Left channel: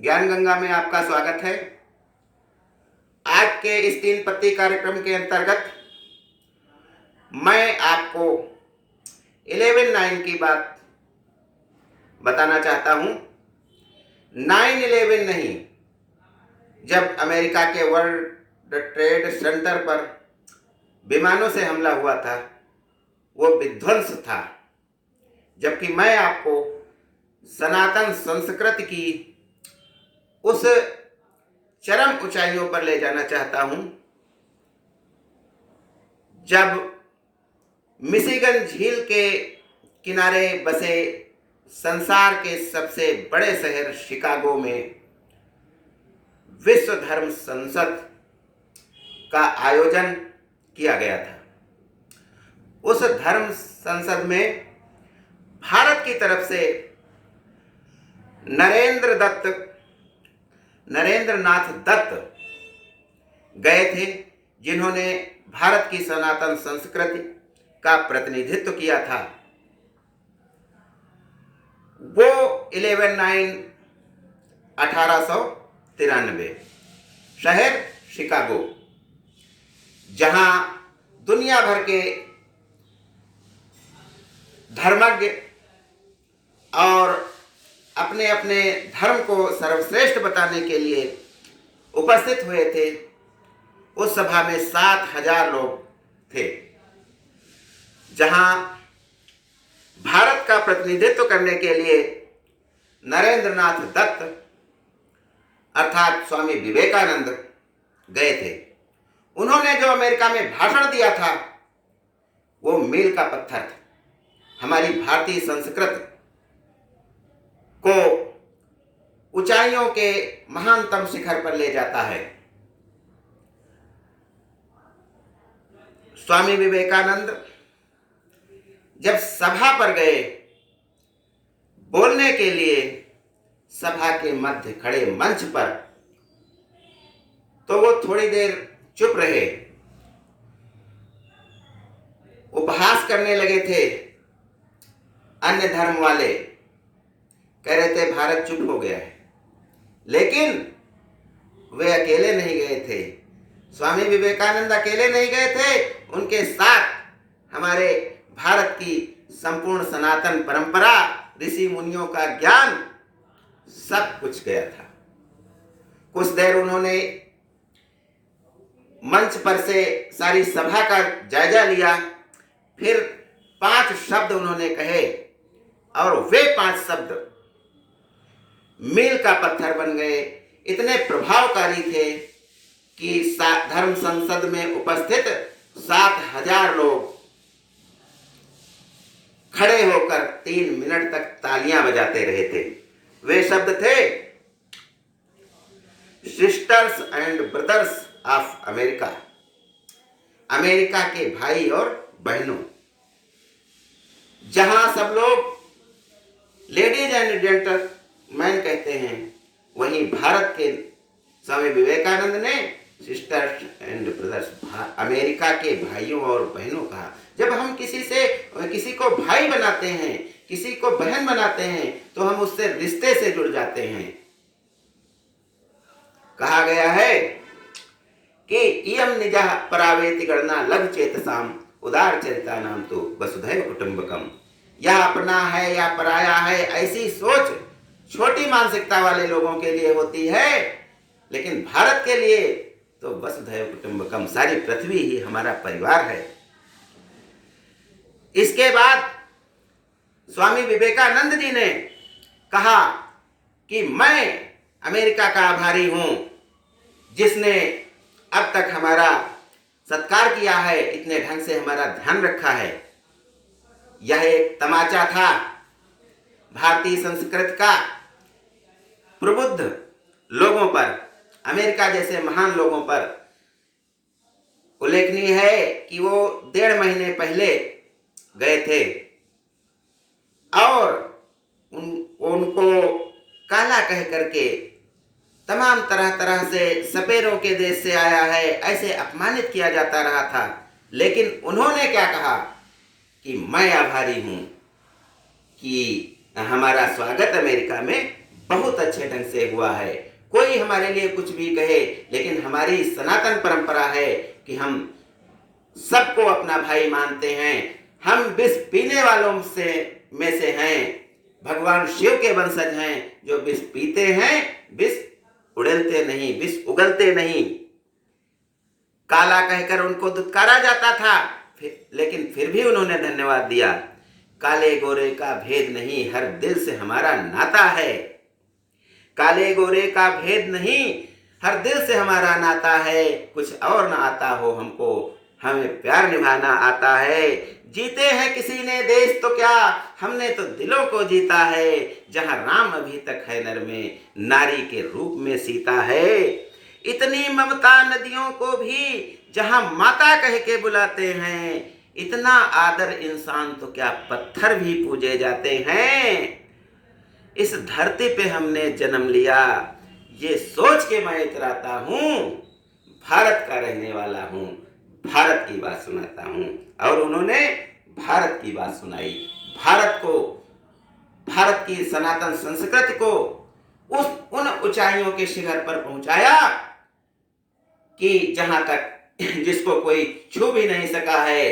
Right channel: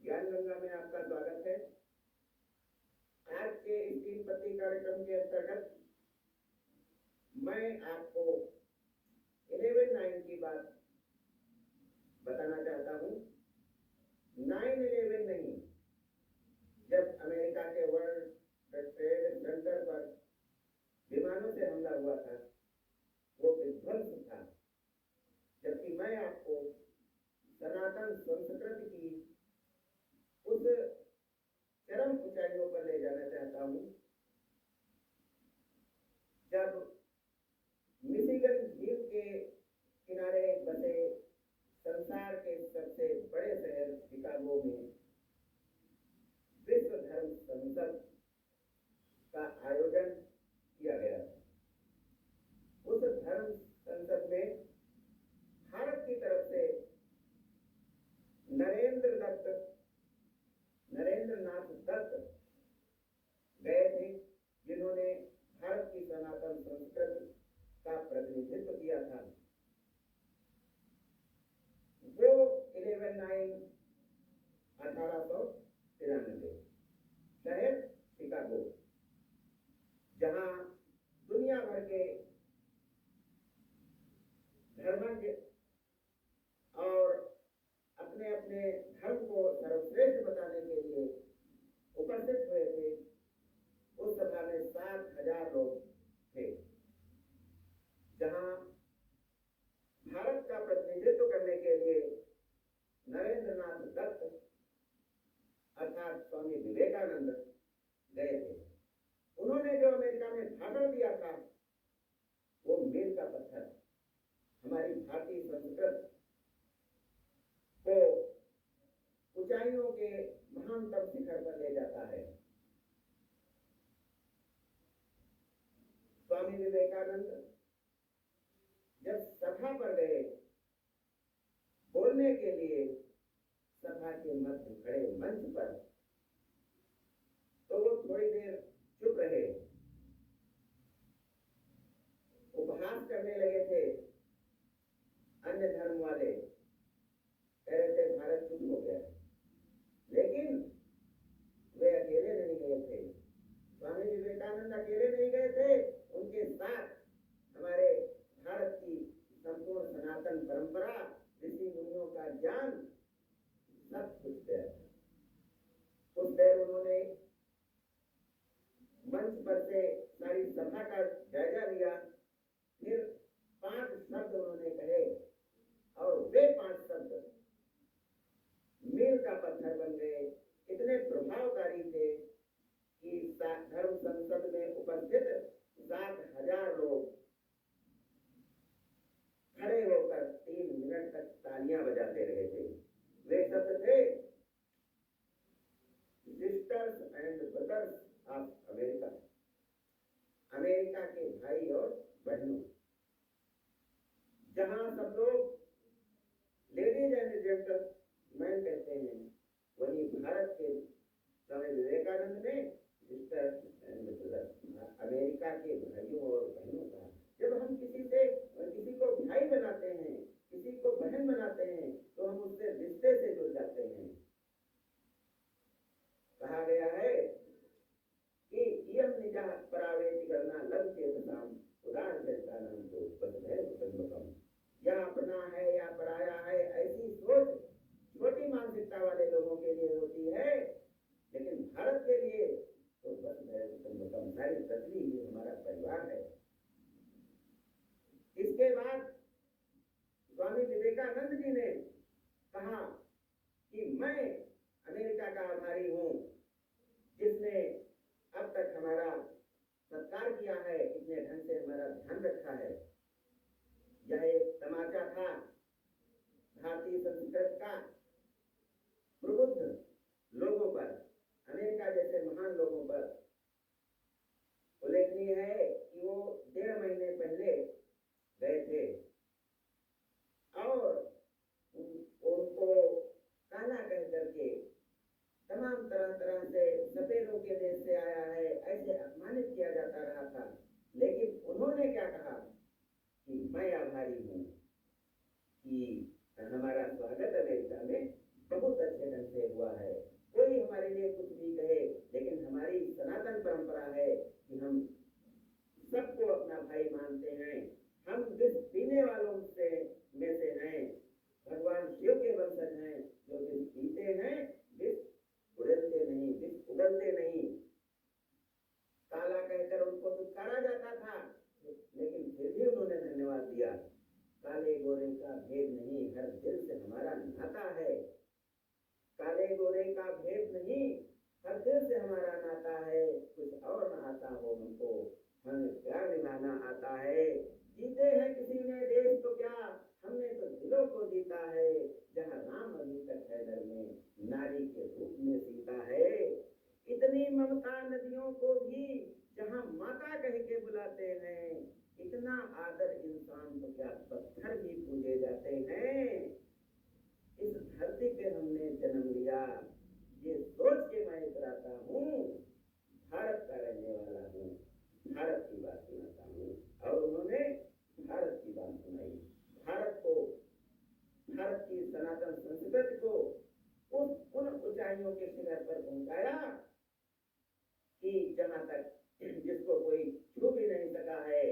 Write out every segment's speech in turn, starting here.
ज्ञान गंगा में आपका स्वागत है। आज के इस तीन पत्ती कार्यक्रम के अंतर्गत मैं आपको 11/9 की बात बताना चाहता हूं। 9/11 नहीं, जब अमेरिका के वर्ल्ड ट्रेड सेंटर पर विमानों से हमला हुआ था, वो विध्वंस था। जबकि मैं आपको सनातन संस्कृति की उस चरम ऊंचाइयों पर ले जाना चाहता हूं, जब मिशिगन झील के किनारे बसे संसार के सबसे बड़े शहर शिकागो में विश्व धर्म संसद का आयोजन किया गया था। उस धर्म संसद में भारत की तरफ से नरेंद्रनाथ दत्त गए थे, जिन्होंने भारत की सनातन संस्कृति का प्रतिनिधित्व किया था। वो 11/9/1893 शहर शिकागो, जहां दुनिया भर के धर्मज्ञ और अपने अपने धर्म को सर्वश्रेष्ठ बताने के लिए उपस्थित हुए थे। उस सभा में 7,000 लोग थे, जहां भारत का प्रतिनिधित्व करने के लिए नरेंद्रनाथ दत्त अर्थात स्वामी विवेकानंद गए थे। उन्होंने जो अमेरिका में भाषण दिया था, वो मील का पत्थर था। हमारी भारतीय संस्कृति को ऊंचाइयों के महानतम शिखर पर ले जाता है। स्वामी विवेकानंद जब सभा पर गए बोलने के लिए, सभा के मध्य खड़े मंच पर, तो वो थोड़ी देर चुप रहे, उपहास करने लगे थे। अन्य धर्म वाले कह रहे थे भारत चुप हो गया है, लेकिन वे अकेले नहीं गए थे। स्वामी विवेकानंद अकेले नहीं गए थे, उनके साथ हमारे भारत की संपूर्ण सनातन परंपरा, ऋषि मुनियों का ज्ञान, सब कुछ गया था। कुछ देर उन्होंने मंच पर से सारी सभा का जायजा लिया, फिर 5 शब्द उन्होंने कहे, और वे 5 शब्द मील का पत्थर बन गए। इतने प्रभावकारी थे कि धर्म संसद में उपस्थित 7,000 लोग खड़े होकर 3 मिनट तक तालियां बजाते रहे थे। वे शब्द थे, sisters and brothers of America, America के भाई और बहनों। जहां सब लोग लेडीज एंड जेंटलमैन कहते हैं, वहीं भारत के स्वामी विवेकानंद ने सिस्टर्स एंड ब्रदर्स, अमेरिका के भाइयों और बहनों कहा। जब हम किसी को भाई बनाते हैं, किसी को बहन बनाते हैं, तो हम उससे रिश्ते से जुड़ जाते हैं। कहा गया है कि इयं निजः परावेति गणना लघु चेतसाम उदार चरिता नाम तो वसुधैव कुटुंबकम। यह अपना है या पराया है, ऐसी सोच छोटी मानसिकता वाले लोगों के लिए होती है, लेकिन भारत के लिए तो वसुधैव कुटुंबकम, सारी पृथ्वी ही हमारा परिवार है। इसके बाद स्वामी विवेकानंद जी ने कहा कि मैं अमेरिका का आभारी हूं, जिसने अब तक हमारा सत्कार किया है, इतने ढंग से हमारा ध्यान रखा है। यह एक तमाचा था भारतीय संस्कृति का प्रबुद्ध लोगों पर, अमेरिका जैसे महान लोगों पर। उल्लेखनीय है कि वो 1.5 महीने पहले गए थे और उनको काला कह करके, तमाम तरह तरह से सपेरों के देश से आया है, ऐसे अपमानित किया जाता रहा था। लेकिन उन्होंने क्या कहा कि मैं आभारी हूं कि हमारा स्वागत अमेरिका में बहुत अच्छे ढंग से हुआ है। कोई हमारे लिए कुछ भी कहे, लेकिन हमारी सनातन परंपरा है कि हम सबको अपना भाई मानते हैं। हम विष पीने वालों से में से हैं। भगवान शिव के वंशज हैं जो विष पीते हैं, विष उड़ेलते नहीं, विष उगलते नहीं। काला कहकर उनको दुत्कारा जाता था, लेकिन फिर भी उन्होंने धन्यवाद दिया। काले गोरे का भेद नहीं, हर दिल से हमारा नाता है। काले गोरे का भेद नहीं, हर दिल से हमारा नाता है। कुछ और ना आता हो हमको, हमें प्यार निभाना आता है। जीते हैं किसी ने देश तो क्या, हमने तो दिलों को जीता है। जहां राम अभी तक है नर में, नारी के रूप में सीता है। इतनी ममता नदियों को भी जहां माता कह के बुलाते हैं। इतना आदर इंसान तो क्या पत्थर भी पूजे जाते हैं। इस धरती पे हमने जन्म लिया, ये सोच के मैं इतराता हूँ, भारत का रहने वाला हूँ, भारत की बात सुनाता हूँ। और उन्होंने भारत की बात सुनाई, भारत को, भारत की सनातन संस्कृति को उन ऊंचाइयों के शिखर पर पहुंचाया कि जहां तक जिसको कोई छू भी नहीं सका है।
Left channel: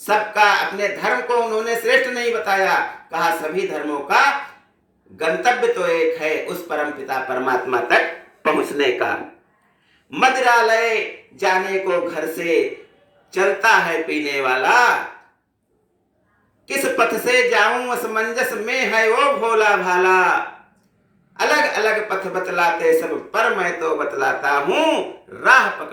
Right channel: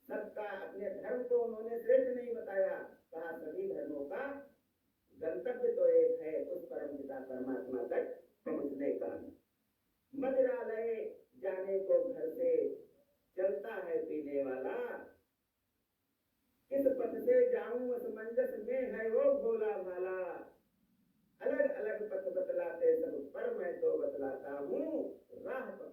सबका अपने धर्म को उन्होंने श्रेष्ठ नहीं बताया, कहा सभी धर्मों का गंतव्य तो एक है, उस परमपिता परमात्मा तक पहुंचने का। मदिरालय जाने को घर से चलता है पीने वाला, किस पथ से जाऊं असमंजस में है वो भोला भाला। अलग अलग पथ बतलाते सब पर मैं तो बतलाता हूं, राह पकड़